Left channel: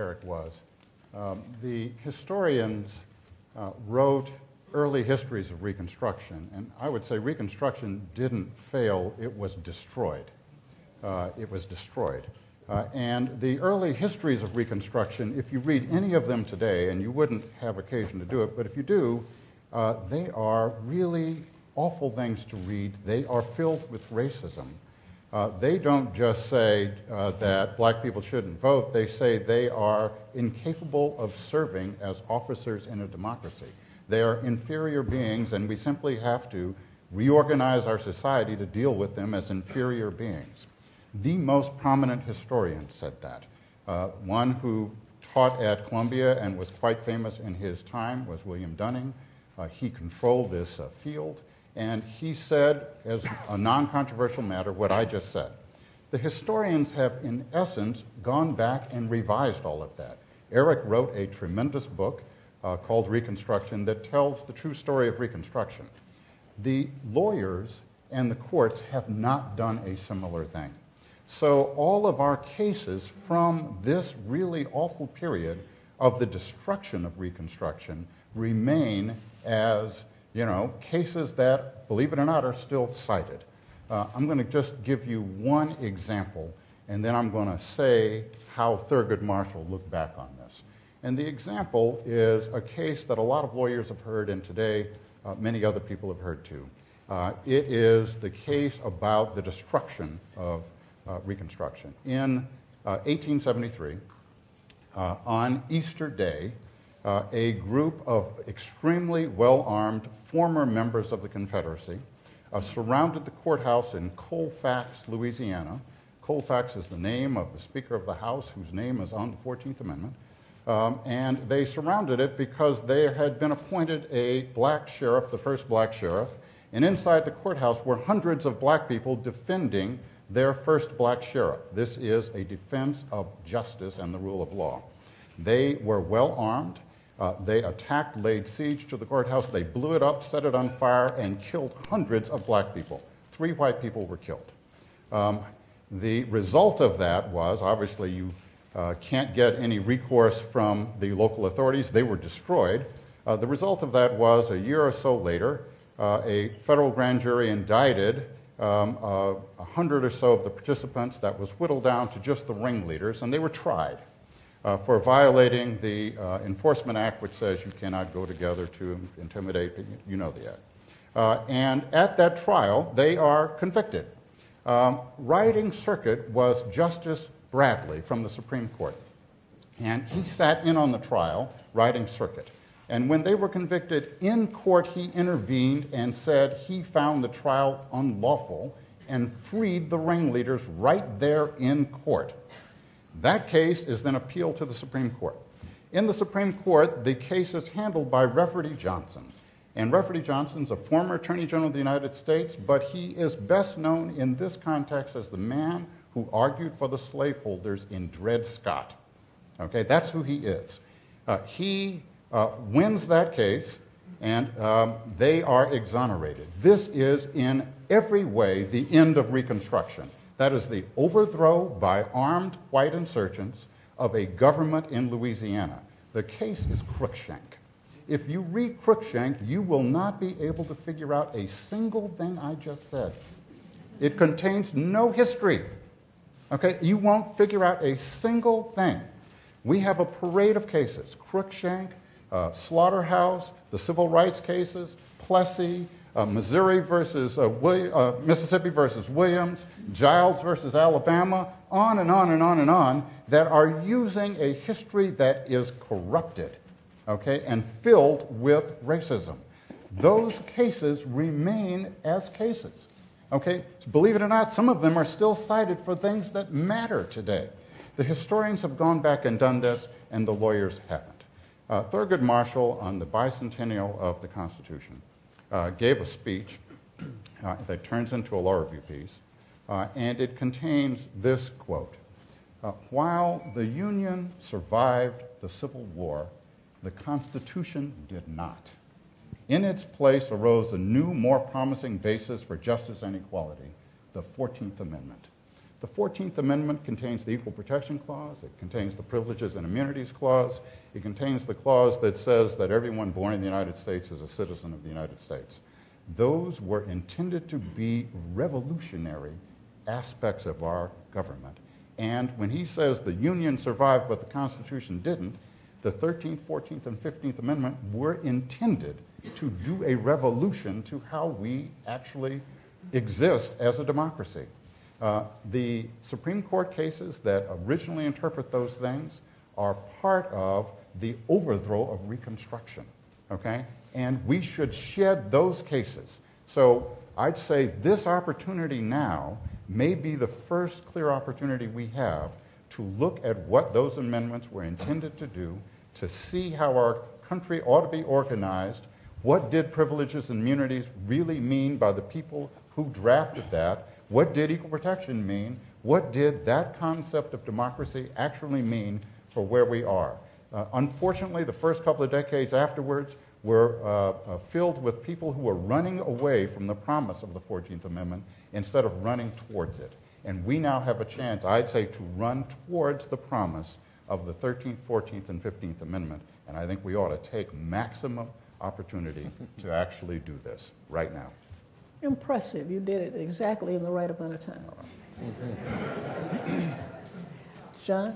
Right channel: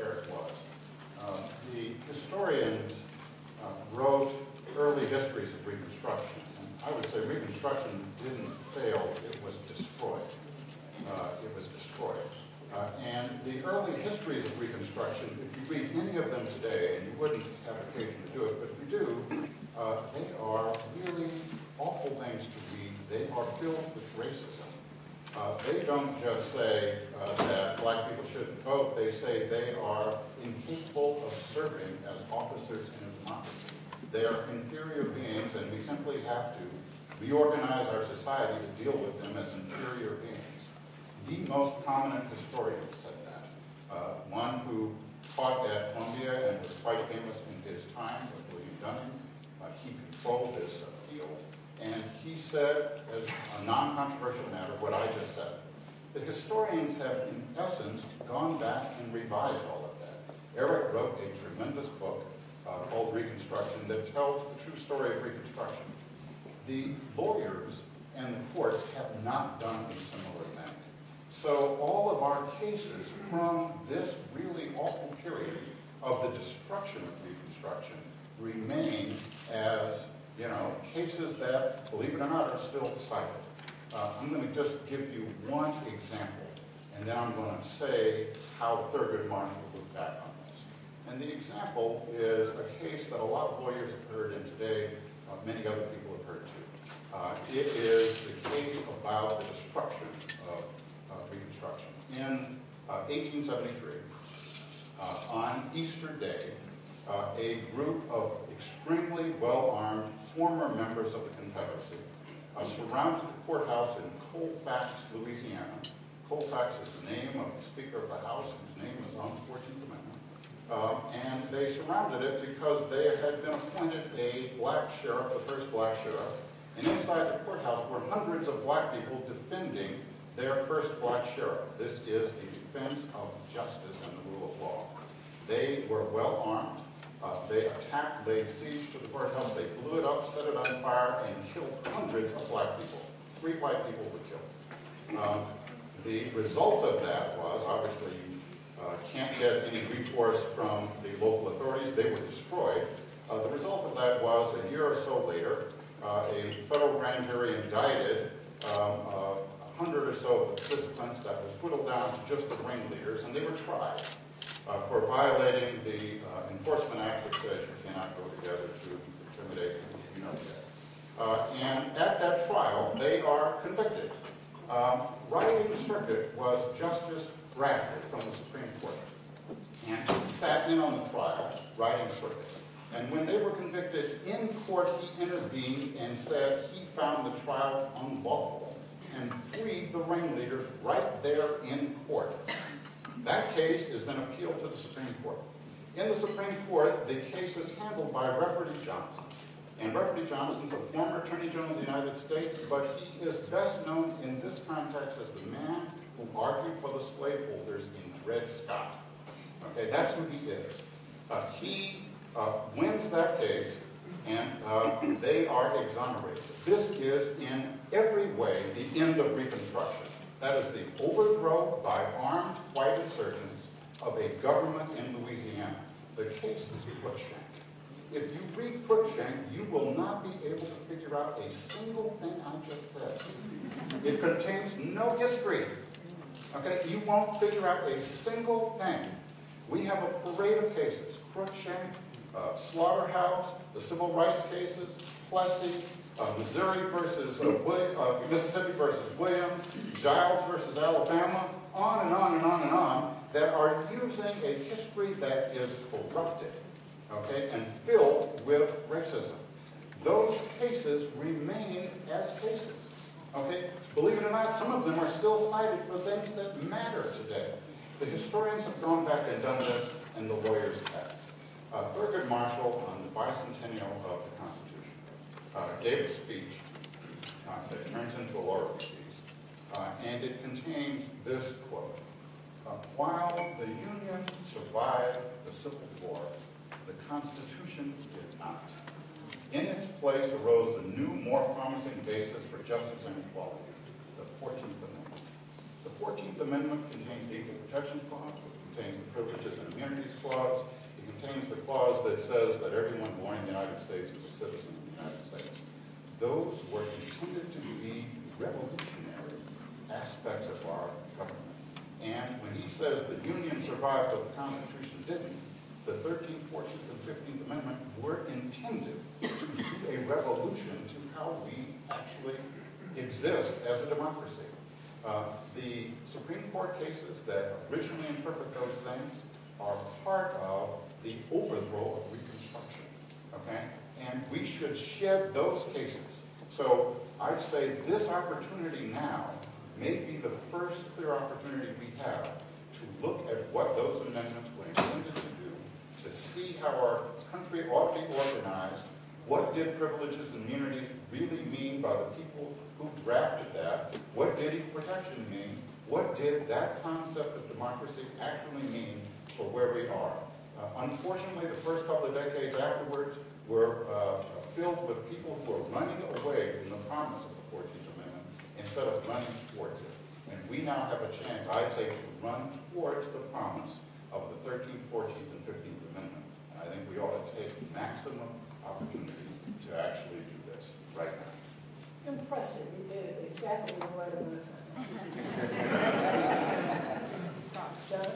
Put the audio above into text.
Eric was. The historians wrote early histories of Reconstruction, and I would say Reconstruction didn't fail, it was destroyed. And the early histories of Reconstruction, if you read any of them today, and you wouldn't have occasion to do it, but if you do, they are really awful things to read. They are filled with racism. They don't just say that black people shouldn't vote, they say they are incapable of serving as officers in a democracy. They are inferior beings, and we simply have to reorganize our society to deal with them as inferior beings. The most prominent historian said that. One who taught at Columbia and was quite famous in his time was William Dunning. He controlled this field, and he said, as a non-controversial matter, what I just said. The historians have, in essence, gone back and revised all of that. Eric wrote a tremendous book called Reconstruction that tells the true story of Reconstruction. The lawyers and the courts have not done a similar thing. So all of our cases from this really awful period of the destruction of Reconstruction remain as, cases that, believe it or not, are still cited. I'm going to just give you one example, and then I'm going to say how Thurgood Marshall looked back on this. And the example is a case that a lot of lawyers have heard, and today many other people have heard too. It is the case about the destruction of Reconstruction. In 1873, on Easter Day, a group of extremely well-armed former members of the Confederacy surrounded the courthouse in Colfax, Louisiana. Colfax is the name of the Speaker of the House, whose name is on the 14th Amendment. And they surrounded it because there had been appointed a black sheriff, the first black sheriff, and inside the courthouse were hundreds of black people defending their first black sheriff. This is a defense of justice and the rule of law. They were well armed. They attacked, laid siege to the courthouse. They blew it up, set it on fire, and killed hundreds of black people. 3 white people were killed. The result of that was, obviously, you can't get any recourse from the local authorities. They were destroyed. The result of that was, a year or so later, a federal grand jury indicted 100 or so of the participants. That was whittled down to just the ringleaders, and they were tried for violating the Enforcement Act, which says you cannot go together to intimidate people. You know the act. And at that trial, they are convicted. Riding circuit was Justice Bradley from the Supreme Court. And he sat in on the trial, riding circuit. And when they were convicted in court, he intervened and said he found the trial unlawful and freed the ringleaders right there in court. That case is then appealed to the Supreme Court. In the Supreme Court, the case is handled by Rafferty Johnson. And Rafferty Johnson's a former Attorney General of the United States, but he is best known in this context as the man who argued for the slaveholders in Dred Scott. Okay, that's who he is. He wins that case, and they are exonerated. This is in every way the end of Reconstruction. That is the overthrow by armed white insurgents of a government in Louisiana. The case is Cruikshank. If you read Cruikshank, you will not be able to figure out a single thing I just said. It contains no history. Okay, you won't figure out a single thing. We have a parade of cases: Cruikshank, Slaughterhouse, the civil rights cases, Plessy, Missouri versus Mississippi versus Williams, Giles versus Alabama, on and on and on and on, that are using a history that is corrupted, okay, and filled with racism. Those cases remain as cases, okay? Believe it or not, some of them are still cited for things that matter today. The historians have gone back and done this, and the lawyers haven't. Thurgood Marshall, on the bicentennial of the Constitution, gave a speech that turns into a law review piece, and it contains this quote: while the Union survived the Civil War, the Constitution did not. In its place arose a new, more promising basis for justice and equality, the 14th Amendment. The 14th Amendment contains the Equal Protection Clause. It contains the Privileges and Immunities Clause. It contains the clause that says that everyone born in the United States is a citizen of the United States. Those were intended to be revolutionary aspects of our government. And when he says the Union survived but the Constitution didn't, the 13th, 14th, and 15th Amendment were intended to do a revolution to how we actually exist as a democracy. The Supreme Court cases that originally interpret those things are part of the overthrow of Reconstruction, okay? And we should shed those cases. So I'd say this opportunity now may be the first clear opportunity we have to look at what those amendments were intended to do, to see how our country ought to be organized. What did privileges and immunities really mean by the people who drafted that? What did equal protection mean? What did that concept of democracy actually mean for where we are? Unfortunately, the first couple of decades afterwards were filled with people who were running away from the promise of the 14th Amendment instead of running towards it. And we now have a chance, I'd say, to run towards the promise of the 13th, 14th, and 15th Amendment. And I think we ought to take maximum opportunity to actually do this right now. Impressive. You did it exactly in the right amount of time. John?